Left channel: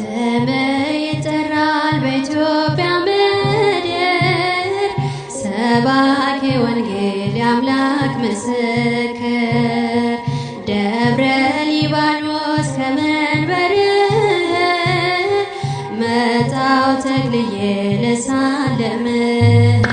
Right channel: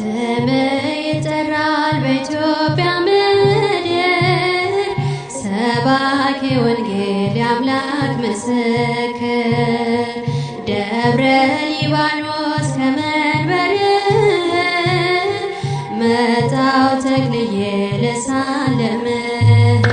ስምህ ይጠራል በኢትዮጵያ ምድር ሰባኪ ወንጌል የአምላክ ምስክር ደብረ ሊባኖስ ከመንበር መጣው ተክልዬ ልሳለምህ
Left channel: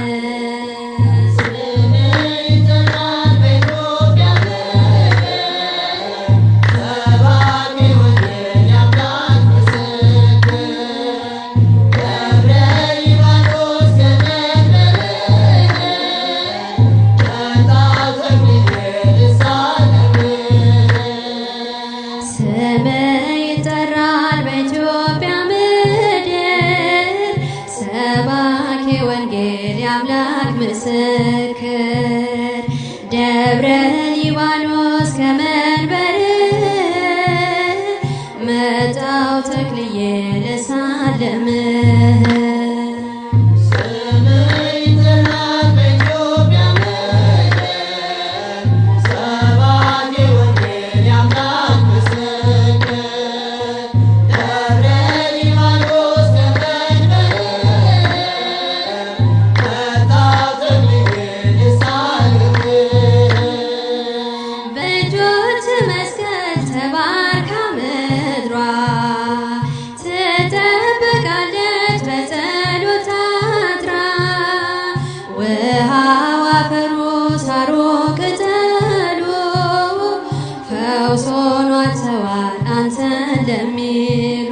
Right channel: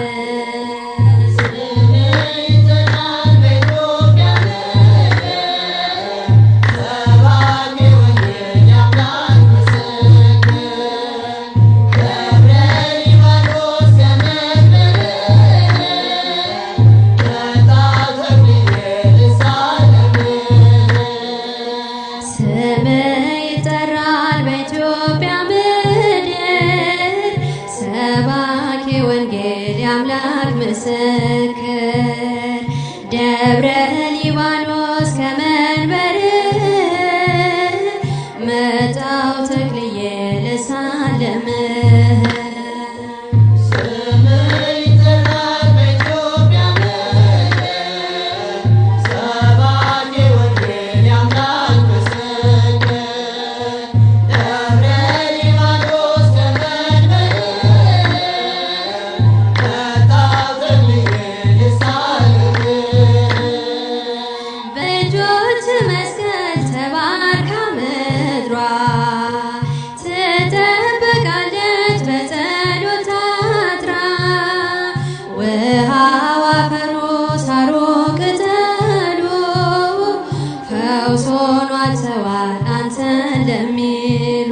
ወንጌል የአምላክ ምስክር ደብረ ሊባኖስ ከመንበር መጣው ተክልዬ ልሳለምህ መስቀል ተባርካ ምድሯ ትጠበቃለች በጸሎት ታጥራ ውሃው አፈሩ ሳሩ ቅጠሉ ፈውስ ሆኗቸዋል አንተን ለሚሉ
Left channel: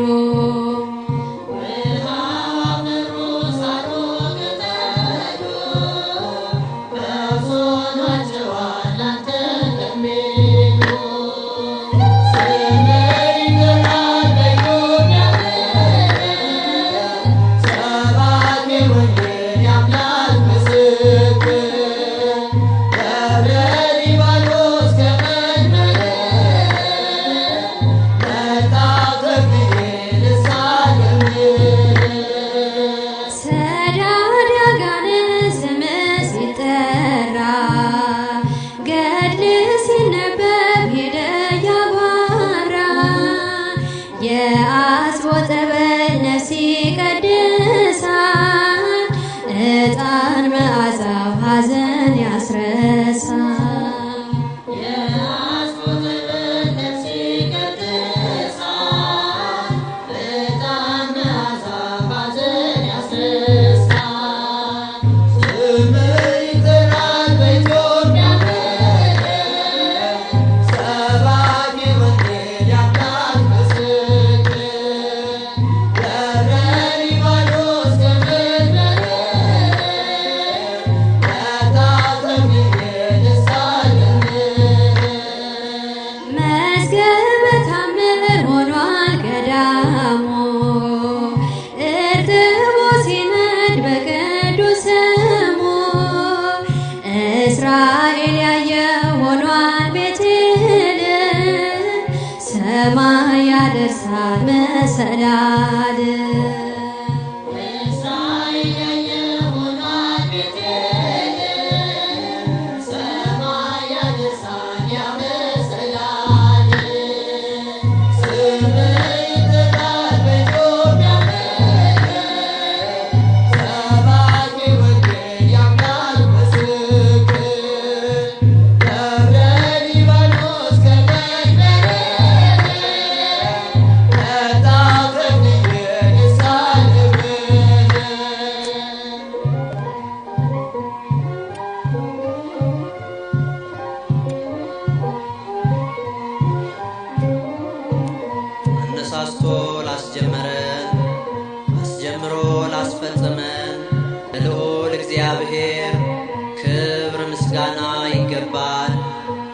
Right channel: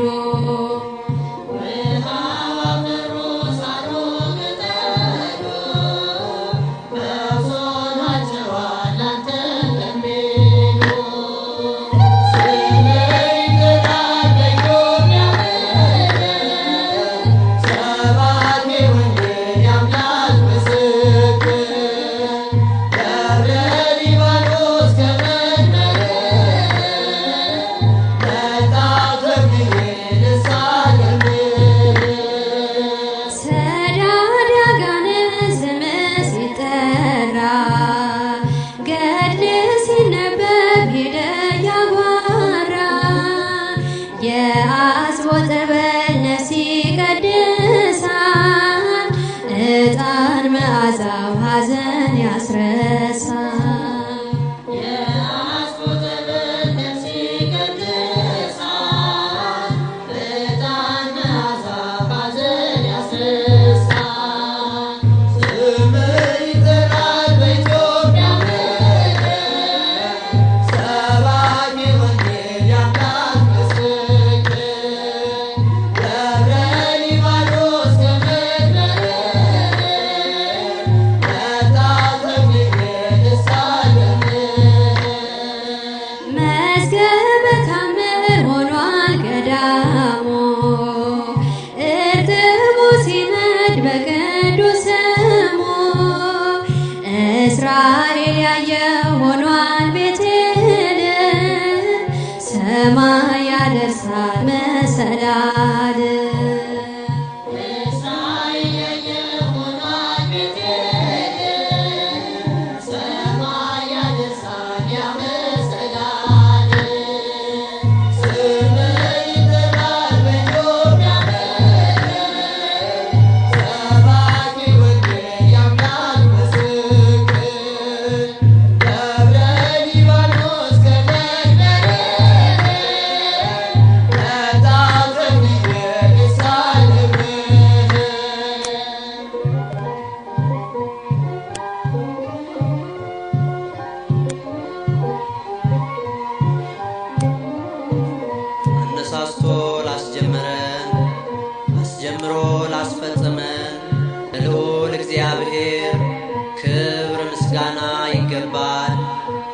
ገድል ሲነበብ ሄደ ያጓራ የአስቦ ጠበል ነፍስ ይቀድሳል ዕጣን መዓዛው ሐዘን ያስረሳል ገዳሙ እርጥቡ ሲነድ በቅዱስ ስሙ እስራኤል ያየው ሆኗል ቤቴል ሰማይ ያደርሳል መሰላል አነሳስቶ ላስጀመረን አስጀምሮ ላስፈጸመን ለልዑል እግዚአብሔር ክብር ምስጋና ይገባል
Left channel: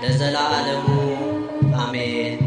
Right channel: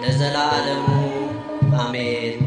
ለዘላለሙ አሜን።